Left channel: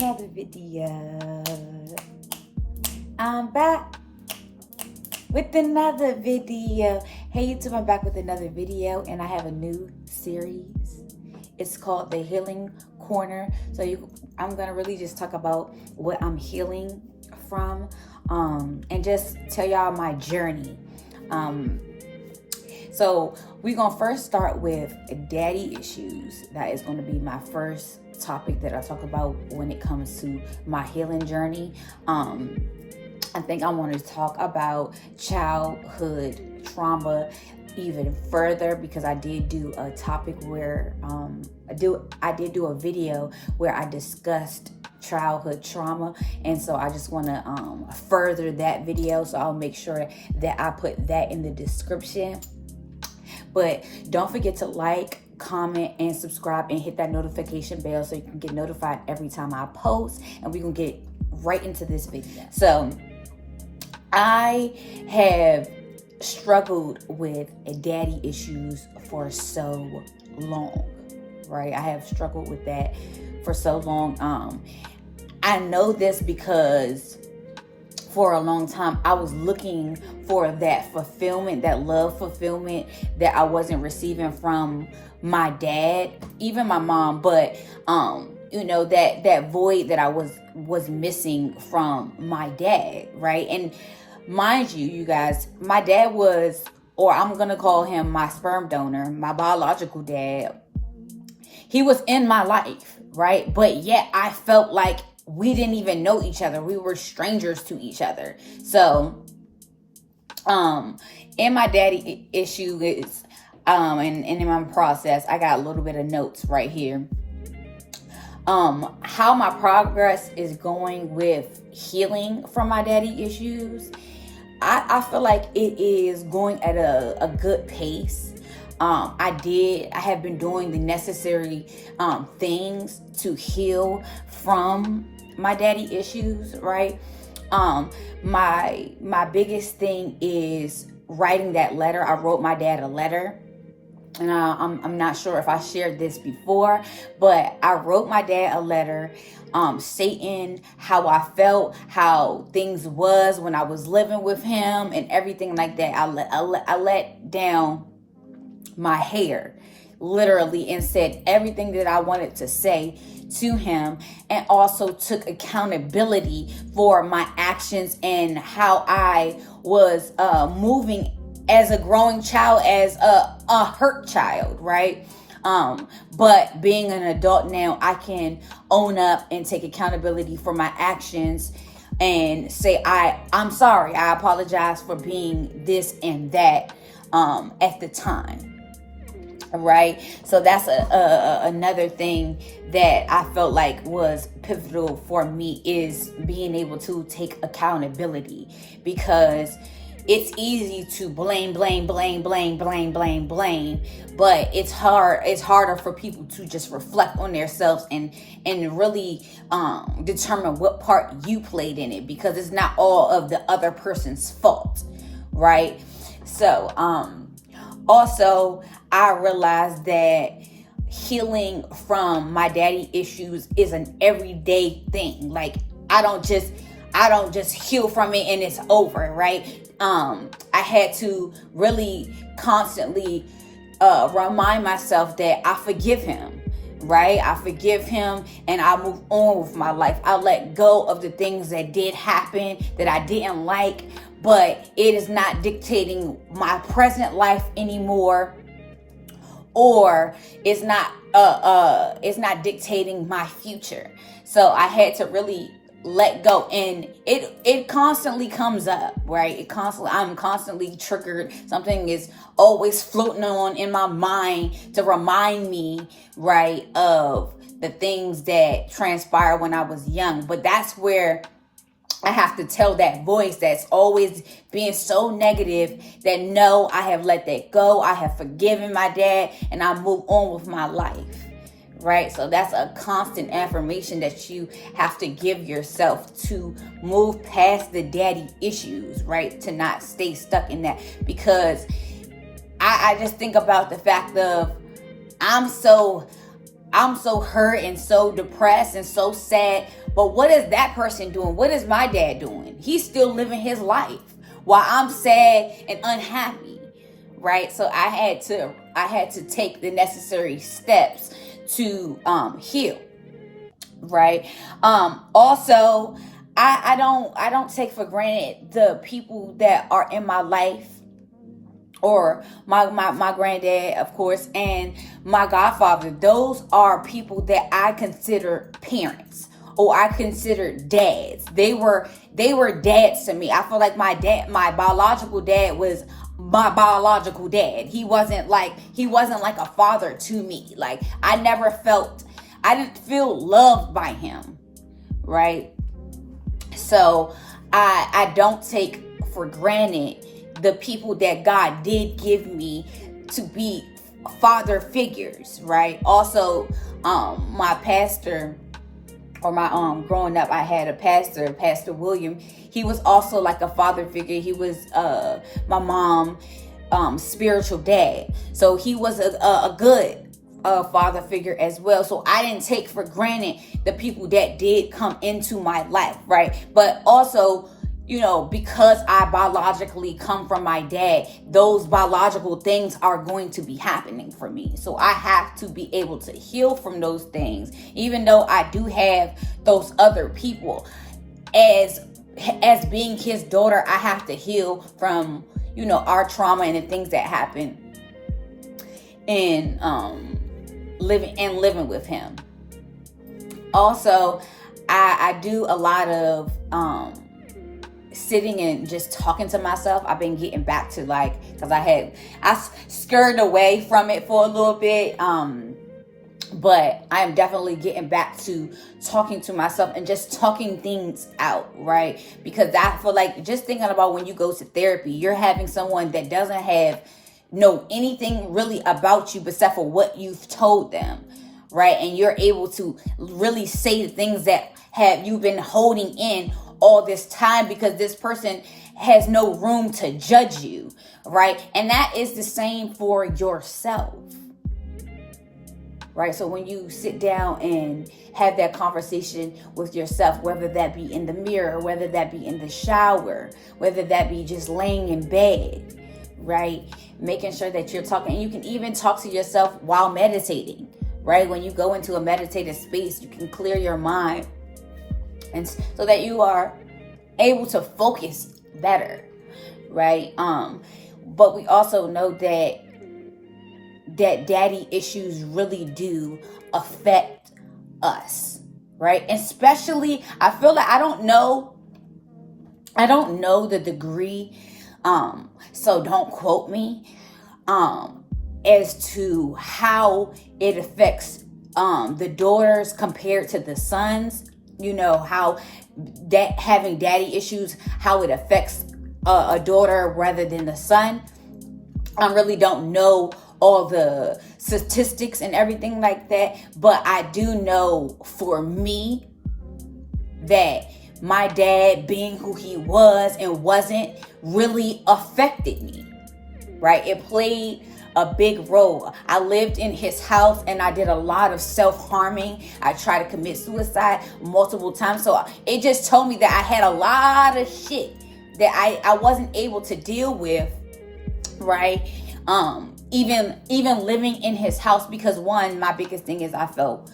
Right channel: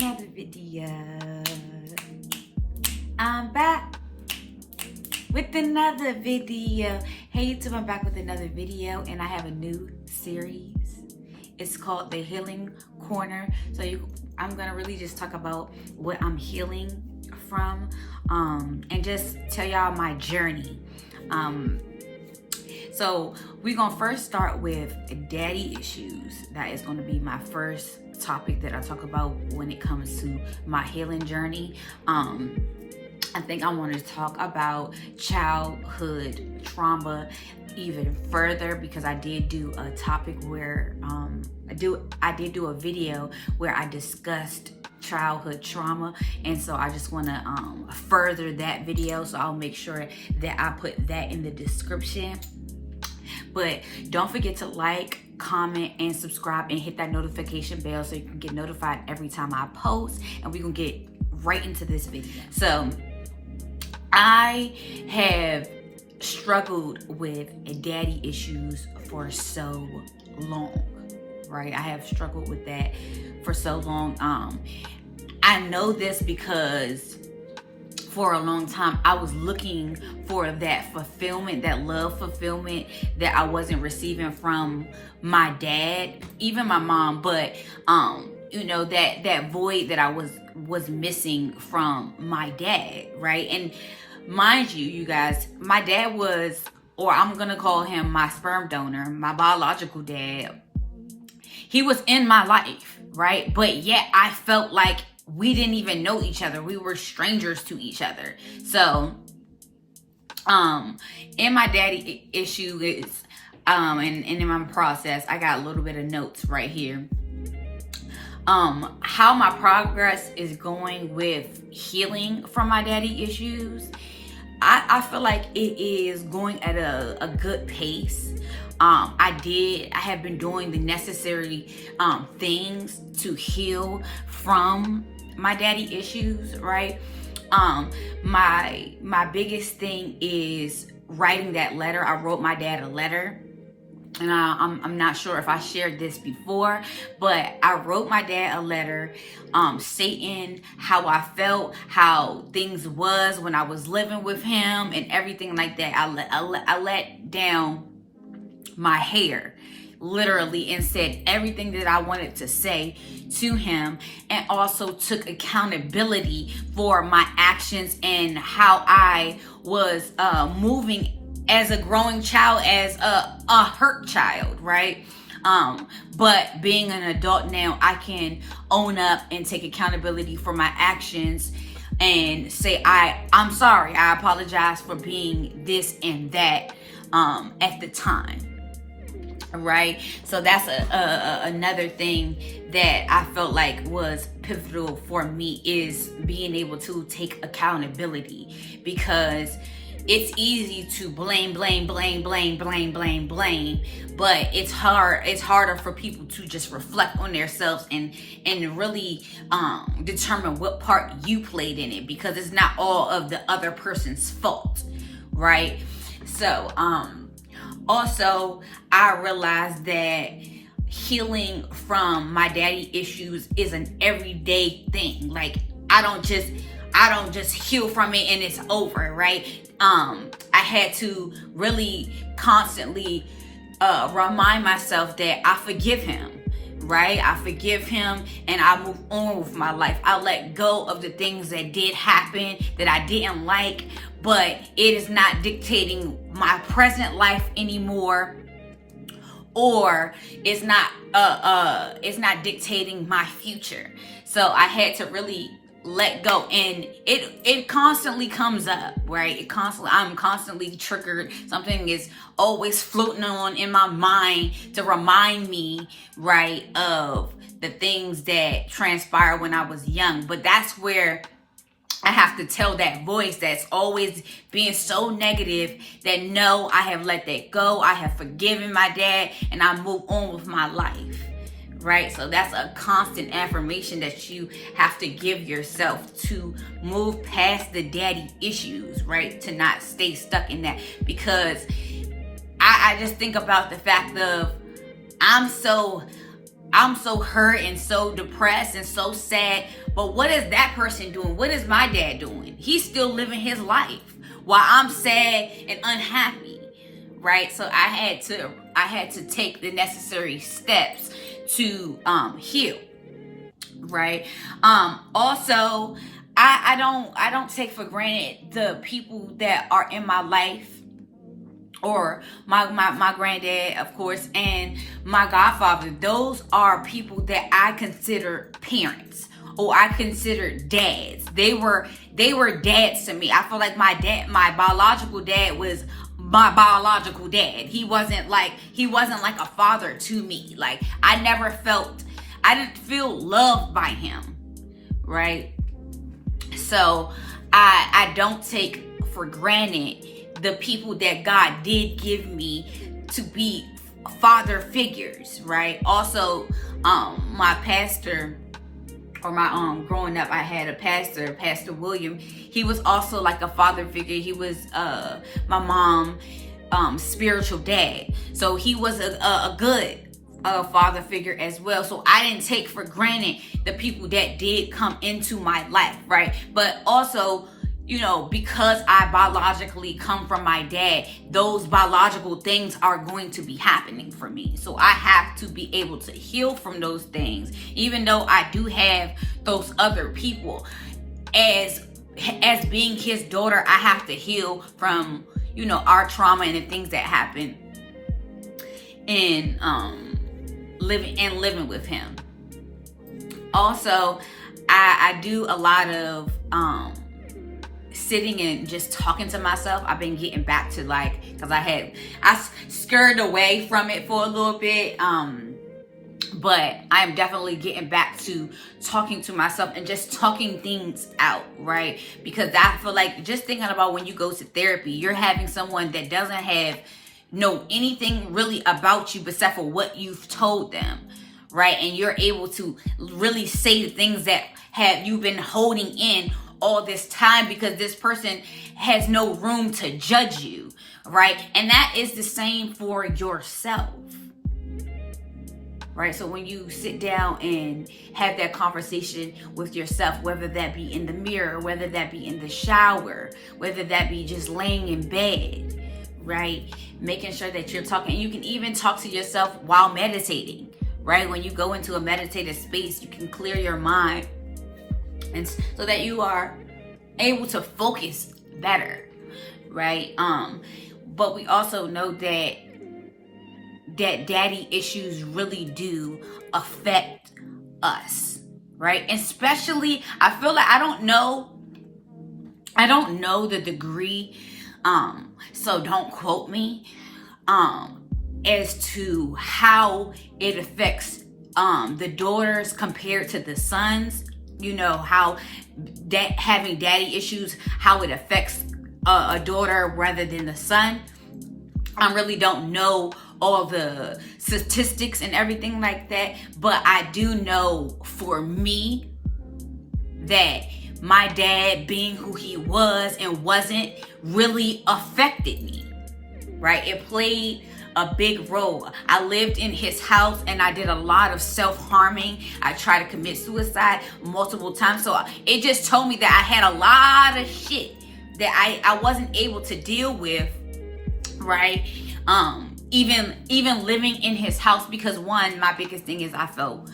another video. I'm back with another video. Hey YouTube, I'm back with another video, and I have a new series. It's called The Healing Corner. So I'm gonna really just talk about what I'm healing from, and just tell y'all my journey. So we're gonna first start with daddy issues. That is gonna be my first topic that I talk about when it comes to my healing journey. I think I want to talk about childhood trauma even further, because I did do a topic where I did do a video where I discussed childhood trauma, and so I just want to further that video, so I'll make sure that I put that in the description. But don't forget to like, comment, and subscribe, and hit that notification bell so you can get notified every time I post, and we're gonna get right into this video. So I have struggled with daddy issues for so long, right? I have struggled with that for so long. I know this because for a long time I was looking for that fulfillment, that love fulfillment that I wasn't receiving from my dad, even my mom, but you know, that void that I was missing from my dad, right? And mind you guys, my dad was, or I'm gonna call him my sperm donor, my biological dad. He was in my life, right? But yet I felt like we didn't even know each other. We were strangers to each other. So, in my daddy issue is, and in my process, I got a little bit of notes right here. How my progress is going with healing from my daddy issues. I feel like it is going at a good pace. I have been doing the necessary things to heal from my daddy issues, right? My biggest thing is writing that letter. I wrote my dad a letter. And I'm not sure if I shared this before, but I wrote my dad a letter stating how I felt, how things was when I was living with him, and everything like that. I let down my hair, literally, and said everything that I wanted to say to him, and also took accountability for my actions and how I was moving as a growing child, as a hurt child, right? But being an adult now, I can own up and take accountability for my actions and say, I'm sorry, I apologize for being this and that at the time. Right? So that's another thing that I felt like was pivotal for me, is being able to take accountability, because it's easy to blame, but it's harder for people to just reflect on themselves and really determine what part you played in it, because it's not all of the other person's fault, right? So also I realized that healing from my daddy issues is an everyday thing. Like I don't just heal from it and it's over, right? I had to really constantly remind myself that I forgive him, right? I forgive him and I move on with my life. I let go of the things that did happen that I didn't like, but it is not dictating my present life anymore, or it's not dictating my future. So I had to really let go, and it constantly comes up, right? I'm constantly triggered. Something is always floating on in my mind to remind me, right, of the things that transpired when I was young. But that's where I have to tell that voice that's always being so negative that no, I have let that go. I have forgiven my dad and I move on with my life. Right? So that's a constant affirmation that you have to give yourself to move past the daddy issues, right? To not stay stuck in that, because I just think about the fact of I'm so hurt and so depressed and so sad But what is that person doing? What is my dad doing? He's still living his life while I'm sad and unhappy, right? So I had to take the necessary steps to heal, right? Also, I don't take for granted the people that are in my life, or my granddad, of course, and my godfather. Those are people that I consider parents, or I consider dads. They were dads to me. I feel like my biological dad was my biological dad. He wasn't like a father to me. Like, I didn't feel loved by him, right? So I don't take for granted the people that God did give me to be father figures, right? Also, my pastor, or my growing up, I had a pastor, Pastor William. He was also like a father figure. He was my mom's spiritual dad. So he was a good father figure as well. So I didn't take for granted the people that did come into my life, right? But also, because I biologically come from my dad, those biological things are going to be happening for me. So I have to be able to heal from those things, even though I do have those other people. As being his daughter, I have to heal from, our trauma and the things that happen in living with him. Also, I do a lot of sitting and just talking to myself. I've been getting back to, because I skirted away from it for a little bit, but I am definitely getting back to talking to myself and just talking things out, right? Because I feel like, just thinking about when you go to therapy, you're having someone that doesn't know anything really about you except for what you've told them, right? And you're able to really say the things that you've been holding in all this time, because this person has no room to judge you, right? And that is the same for yourself, right? So when you sit down and have that conversation with yourself, whether that be in the mirror, whether that be in the shower, whether that be just laying in bed, right? Making sure that you're talking. And you can even talk to yourself while meditating, right? When you go into a meditative space, you can clear your mind, and so that you are able to focus better, right? But we also know that daddy issues really do affect us, right? Especially, I feel like I don't know the degree, so don't quote me, as to how it affects the daughters compared to the sons. How that having daddy issues, how it affects a daughter rather than the son. I really don't know all the statistics and everything like that, but I do know for me that my dad, being who he was and wasn't, really affected me, right? It played a big role. I lived in his house and I did a lot of self-harming. I tried to commit suicide multiple times. So it just told me that I had a lot of shit that I wasn't able to deal with, right? Even living in his house, because my biggest thing is I felt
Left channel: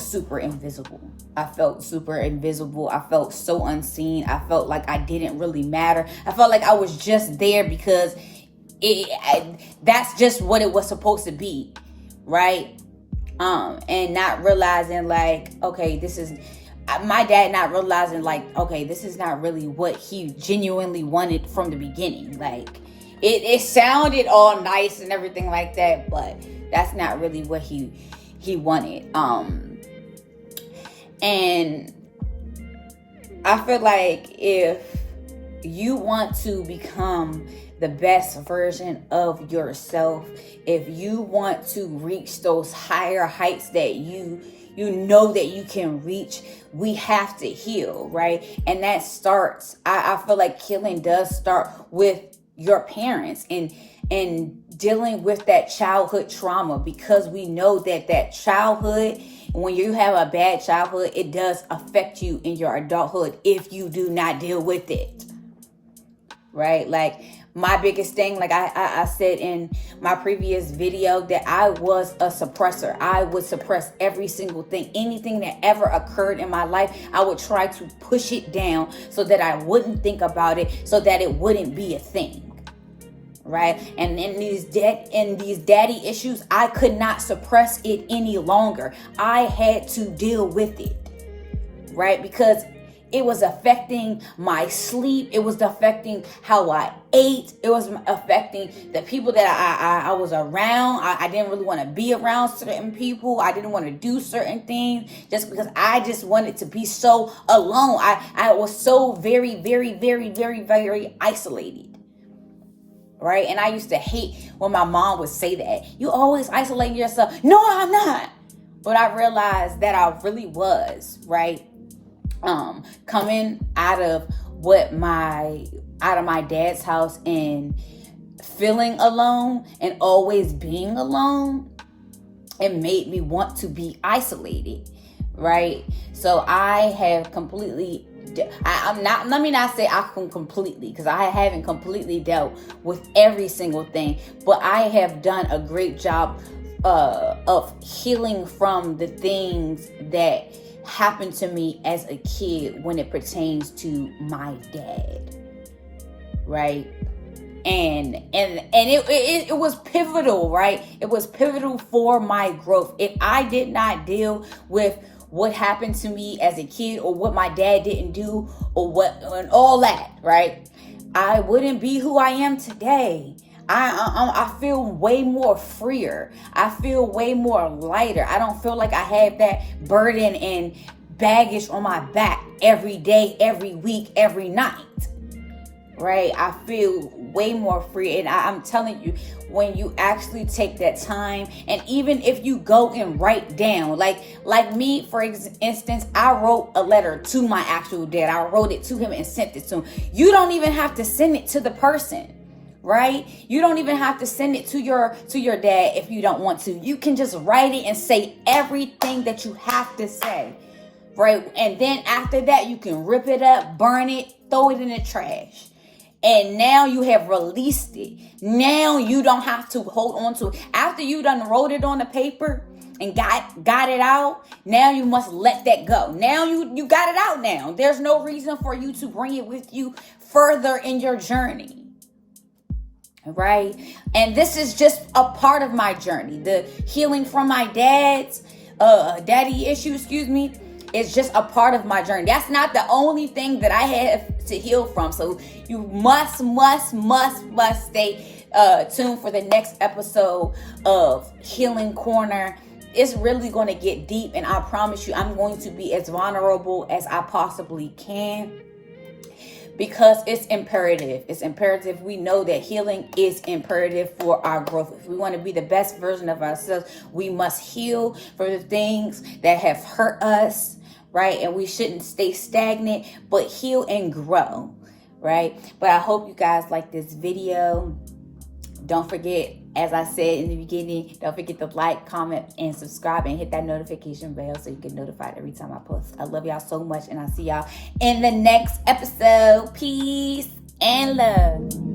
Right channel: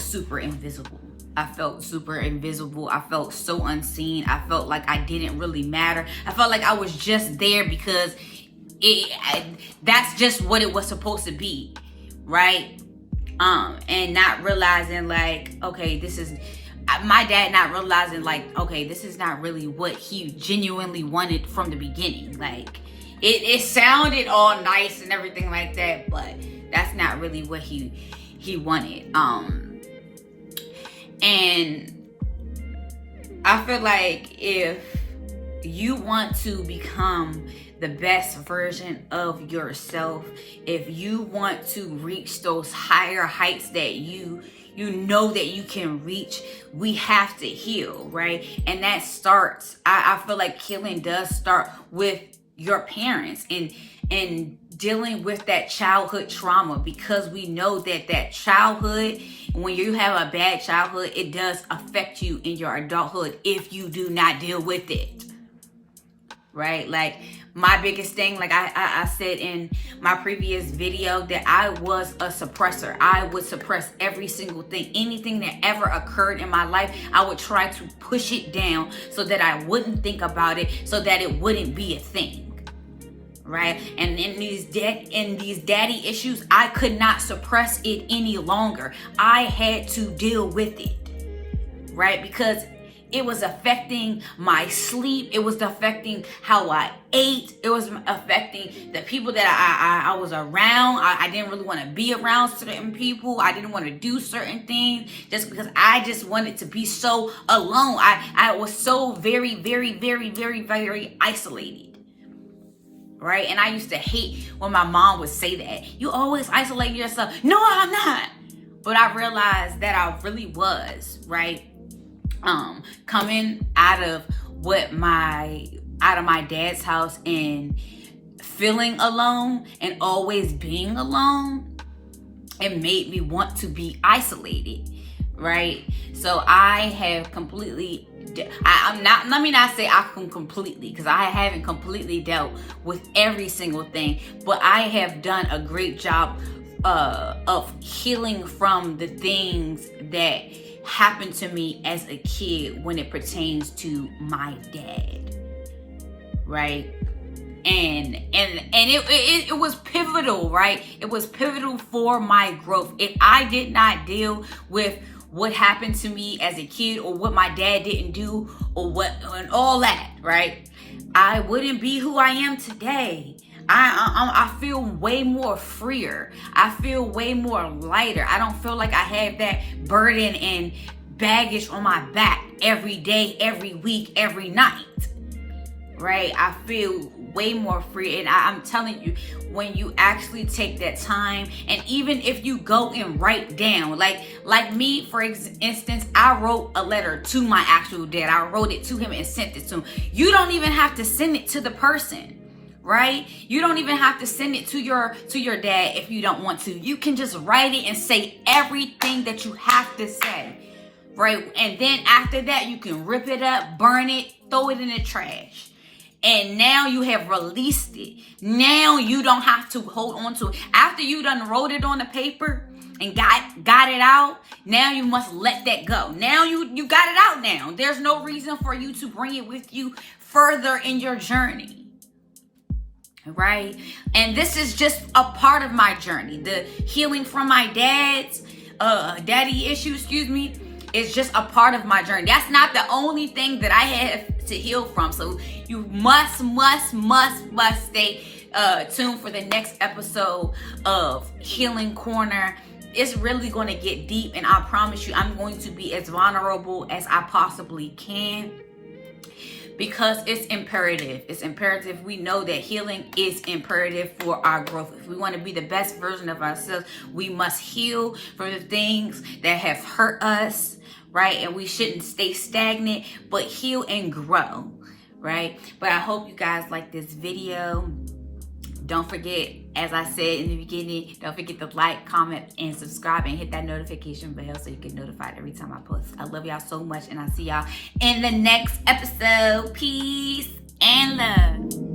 super invisible. I felt so unseen. I felt like I didn't really matter. I felt like I was just there because that's just what it was supposed to be, right? And not realizing my dad not realizing this is not really what he genuinely wanted from the beginning. Like, it sounded all nice and everything like that, but that's not really what he wanted. And I feel like if you want to become the best version of yourself, if you want to reach those higher heights that you know that you can reach, we have to heal, right? And that starts, I feel like healing does start with your parents and dealing with that childhood trauma, because we know that childhood when you have a bad childhood, it does affect you in your adulthood if you do not deal with it. Right? Like, my biggest thing, like I said in my previous video, that I was a suppressor. I would suppress every single thing. Anything that ever occurred in my life, I would try to push it down so that I wouldn't think about it, so that it wouldn't be a thing. Right? And in these daddy issues, I could not suppress it any longer. I had to deal with it. Right? Because it was affecting my sleep. It was affecting how I ate. It was affecting the people that I was around. I didn't really want to be around certain people. I didn't want to do certain things just because I just wanted to be so alone. I was so very, very, very, very, very isolated. Right? And I used to hate when my mom would say that. You always isolate yourself. No, I'm not. But I realized that I really was, right? Coming out of my dad's house and feeling alone and always being alone, it made me want to be isolated, right? So I have completely, let me not say I can completely, because I haven't completely dealt with every single thing, but I have done a great job of healing from the things that happened to me as a kid when it pertains to my dad, right? And it was pivotal, right? It was pivotal for my growth. If I did not deal with what happened to me as a kid, or what my dad didn't do, or what, and all that, right, I wouldn't be who I am today. I feel way more freer. I feel way more lighter. I don't feel like I have that burden and baggage on my back every day, every week, every night. Right? I feel way more free. And I'm telling you, when you actually take that time, and even if you go and write down, like me, for instance, I wrote a letter to my actual dad. I wrote it to him and sent it to him. You don't even have to send it to the person. Right? You don't even have to send it to your dad if you don't want to. You can just write it and say everything that you have to say. Right? And then after that, you can rip it up, burn it, throw it in the trash. And now you have released it. Now you don't have to hold on to it. After you done wrote it on the paper and got it out, now you must let that go. Now you got it out now. There's no reason for you to bring it with you further in your journey. Right? And this is just a part of my journey. The healing from my daddy issue, is just a part of my journey. That's not the only thing that I have to heal from. So you must stay tuned for the next episode of Healing Corner. It's really going to get deep, and I promise you, I'm going to be as vulnerable as I possibly can. Because it's imperative. It's imperative. We know that healing is imperative for our growth. If we want to be the best version of ourselves, we must heal for the things that have hurt us, right? And we shouldn't stay stagnant, but heal and grow, right? But I hope you guys like this video. Don't forget, as I said in the beginning, don't forget to like, comment, and subscribe, and hit that notification bell so you get notified every time I post. I love y'all so much, and I'll see y'all in the next episode. Peace and love.